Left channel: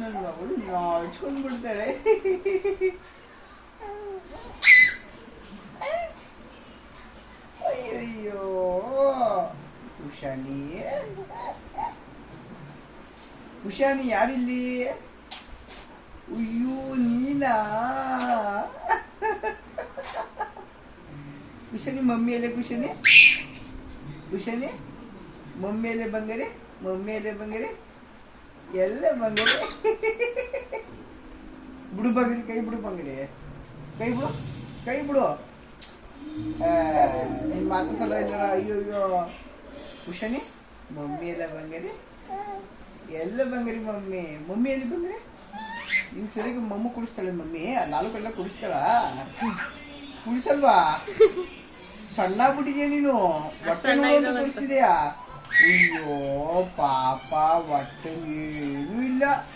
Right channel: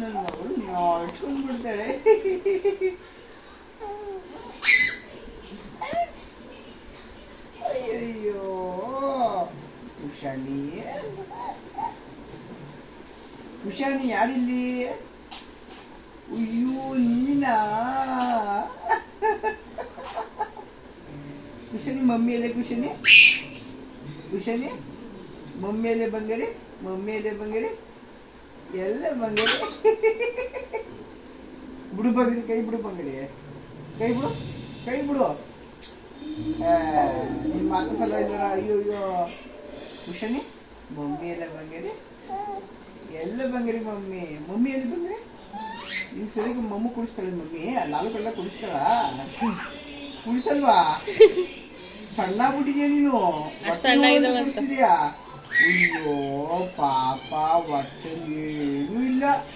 ನನ್ನ ಮಗಳು ನಾಚ್ಕೊಂಡು ಬಿಡ್ತಾಳೆ. ಅಯ್ಯಯ್ಯೋ ಉಷಾನಿ, ಉಷಾನಿ ಯಾರಿಲ್ಲಿ? ಅಯ್ಯೋ ನೀನಾ? ಕುಶನಿ ಮಮ್ಮಿಯಲ್ಲೇ, ಕುಶನಿ ಕುಶನಿ ಮಮ್ಮಿಯಲ್ಲೇ ಬಂಗಾರೆ, ಮಮ್ಮಿಯಲ್ಲೇ ಬಂಗಾರೆ, ಎಲ್ಲ ಬಂಗಾರೆ. ಬಿಡು ಬಂಗಾರೆ, ಕೈ ಬಿಡು ಬಂಗಾರೆ, ಕೈ ಬಿಡು, ಕೈ ಬಿಡು. ನಿನ್ನ ಮಾತು ಸಲ ಇಲ್ಲ. ಅಯ್ಯೋ ಅಯ್ಯೋ ಕುಶನಿ ಮಮ್ಮಿ ಎಲ್ಲ ಬಂಗಾರೆ, ಎಲ್ಲ ಬಂಗಾರಿ. ಮಮ್ಮಿ ಮಮ್ಮಿ ಎಲ್ಲಿ ಬಂಗಾರೆ? ನಿಂಗೆ ಸರಿಯಾಗಿ ಮಮ್ಮಿ ಕುಡಿಸ್ತಾಳೆ ಮಮ್ಮಿ, ಲಾಲು ಕಳ್ಳ ಕುಡಿಸ್ತಾಳ? ಕುಡಿಸಲ್ವಾ? ಸಣ್ಣ ಬಿಟ್ಟಿದ್ಯಾ ನೀನು, ಕುಡಿಸ್ತಿದ್ಯಾ? ಅಯ್ಯೋ ಪಾಪ, ಹೊಟ್ಟೆ ಏನೂ ಇಲ್ಲ.